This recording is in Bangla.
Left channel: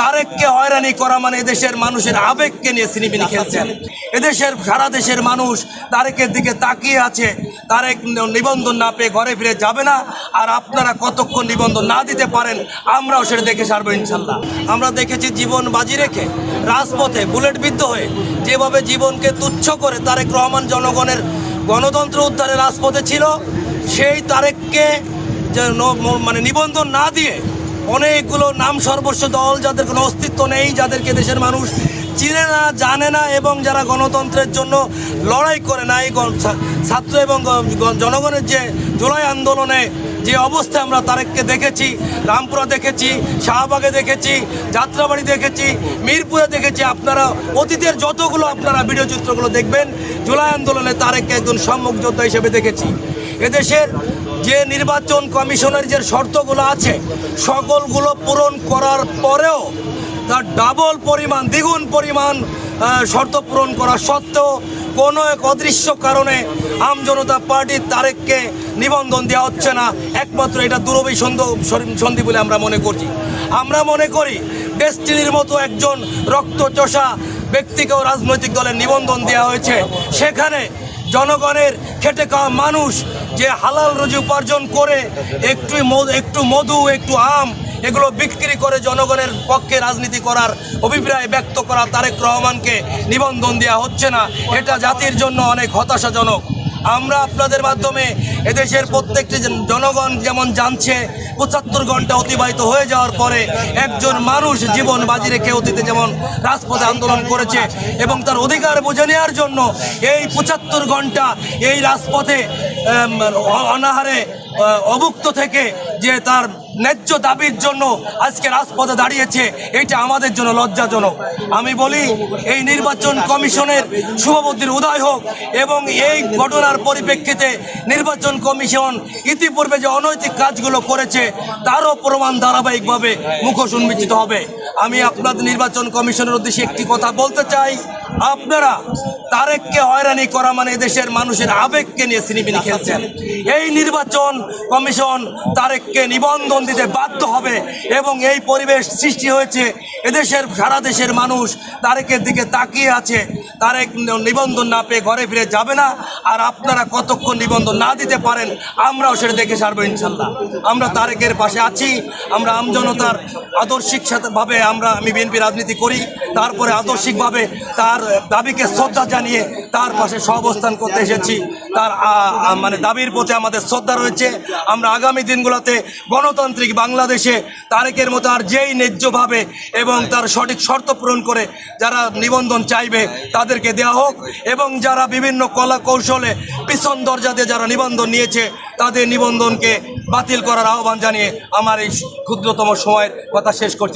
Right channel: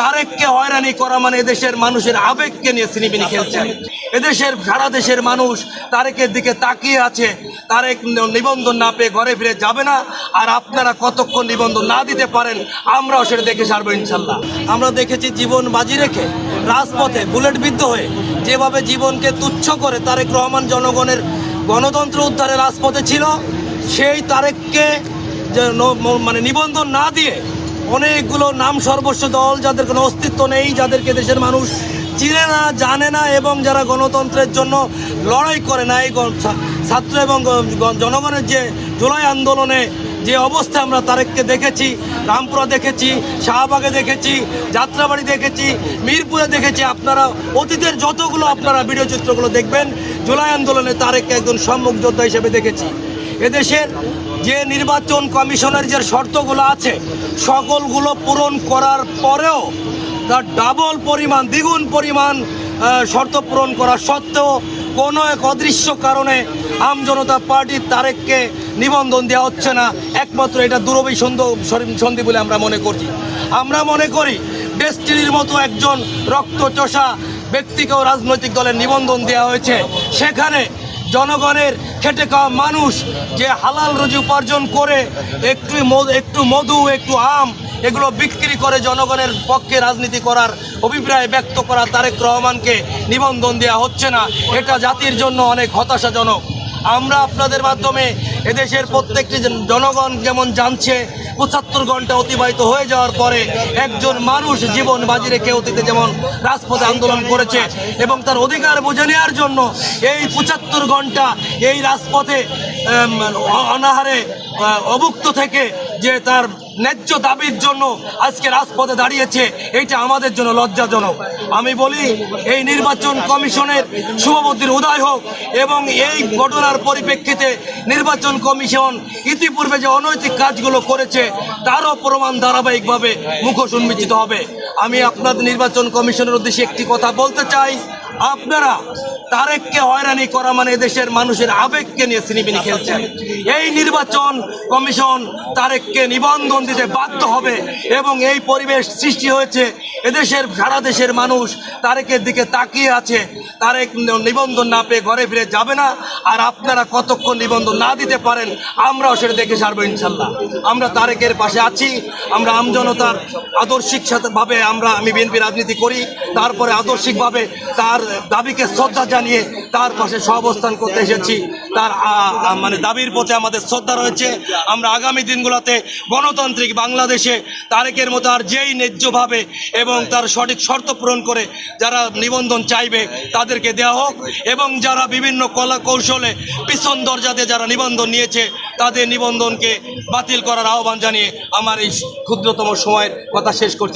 তারেককে হয়রানি করা মানে এদেশের মানুষের আবেগকে নিয়ে সিনেমিনি খেলছেন। এদেশের, সারা দেশের মানুষ তারেকের দিকে তাকিয়ে আছে। তারেক নিবন্ধন না পেয়ে ঘরে ফিরে যাবে না। আর আপনারা কতক্ষণ নিবন্ধন না দিতে পারেন, আমরাও সেটা দেখে সারবো ইনশাল্লাহ। আমরা দেখেছি জীবন বাজি রেখে রাজপথে বুলেট বিদ্ধ হয়ে যেভাবে জীবনকে তুচ্ছ করে তারেক রহমান জনগণের গণতন্ত্র উদ্ধারে রাজপথে ছিল, সেই তারেককে যে মানে নিবন্ধন না দিয়ে অনেকগুলো নাম সর্বস্ব দল যাদের কোনো অস্তিত্ব নেই, যাদেরকে দেশের মানুষ চিনে না, জানে না এবং যারা গণতন্ত্রের জন্য লড়াই করে না এই ছাত্র এবং জনগণের যে জুলাই আন্দোলনে যে অবস্থা আমরা তারেককে দেখেছি, রামপুরা দেখেছি, শাহবাগে দেখেছি, যাত্রাবাড়ি দেখেছি, মিরপুরে দেখেছি, আপনারা অতীতের যতগুলো আপনারা ভিডিও চিত্রগুলো দেখবেন, জুলাই আন্দোলনে তারেককে একজন সম্মুখ যোদ্ধা হিসেবে দেখেছি। এদেশের যে নির্বাচন কমিশনের যে শর্তগুলো আছে, সকলগুলো পূরণ করার পরেও তার ডাবল পরিমাণ, দ্বিগুণ পরিমাণ শর্ত পূরণ করা সত্ত্বেও কোনো এক অদৃশ্য কারণে আম জনতা পার্টির তারেককে নিবন্ধন দেওয়া হচ্ছে না। একমাত্র এটা দূরভিসন্ধ সন্ধি বলে আমরা মনে করছি। আমরা মনে করি ডেস্টিনির মতো একজন রক্তচষা ব্যক্তিকেও রাজনৈতিক দলের নিবন্ধন দেওয়া হয়েছে। সেখানে জনগণের খেটে খাওয়া মানুষ যে হালাল রুজি উপার্জন করে, একটু একটু মধু, একটু আম, এগুলো বিক্রি করে জনগণের পক্ষে রাজনীতি করার অভিপ্রায় ব্যক্ত করা তারেক রহমানকে নিবন্ধন দেওয়া হচ্ছে না। এটা জাতির জন্য অনেক হতাশাজনক। আমরা আপনাদের মাধ্যমে এদেশের প্রত্যেকটি জনগণ যেমন জানছে, পঁচাত্তর ঘণ্টা অতিবাহিত হয়ে যাওয়ার পরে একজন মানুষ জীবন বাজি রেখে অতীতে যেমন রাজপথে আন্দোলন করেছে এবং তার অধিকার বুঝে নেওয়ার জন্য এই পঁচাত্তর ঘণ্টা এই রাজপথে অনাহারে অভুক্ত থেকে যে তার ন্যায্য দাবির জন্য আজকে রাজপথে দাঁড়িয়েছে, এটা আমাদের জন্য লজ্জাজনক। আমি বলি, এই নির্বাচন কমিশনের শুভবুদ্ধির উদয় হোক এবং এই ঘটনার পরিপ্রেক্ষিতে নির্বাচন কমিশন ইতিপূর্বে যে অনৈতিক কাজগুলো করেছে, তারও প্রমাণ ধারাবাহিকভাবে মুখোশ উন্মোচিত হবে। আমি আপনাদের নির্বাচন কমিশনের উদ্দেশ্যে একটি কথা বলতে চাই। আপনারা তারেককে হয়রানি করা মানে এদেশের মানুষের আবেগকে নিয়ে সিনেমিনি খেলছেন। এই নির্বাচন কমিশন তারেককে নিবন্ধন দিতে বাধ্য হবে এবং এই পরিবেশ সৃষ্টি হয়েছে। এদেশের, সারা দেশের মানুষ তারেকের দিকে তাকিয়ে আছে। তারেক নিবন্ধন না পেয়ে ঘরে ফিরে যাবে না। আর আপনারা কতক্ষণ নিবন্ধন না দিতে পারেন, আমরাও সেটা দেখে সারবো ইনশাল্লাহ। আমরা তারেকের পাশে আছি, আমরা আমজনতার আদর্শিক সাথে ভাবে আমরা আমি বিএনপি রাজনীতি করি, তারপরে আদর্শিকভাবে তার দাবিকে শ্রদ্ধা জানিয়ে তার পাশে সহাবস্থান করতে এসেছি। তার মানে দাবির প্রতি আমাদের শ্রদ্ধা রয়েছে। আমরা আগামী দিনগুলোতে গণতান্ত্রিক বাংলাদেশে তারেকের মতো আর যেই ন্যায্যভাবে এবং তার সঠিক শর্ত পূরণ করে যারা নিবন্ধন চাইবে তাদেরকে দেওয়া হোক এবং যারা বিভিন্ন কলা কৌশলে পিছন দরজা দিয়ে যারা নিবন্ধন নিয়েছে তাদের নিবন্ধনকে বাতিল করার আহ্বান জানিয়ে আমার এই ক্ষুদ্রতম সময়ের কথা শেষ করছি।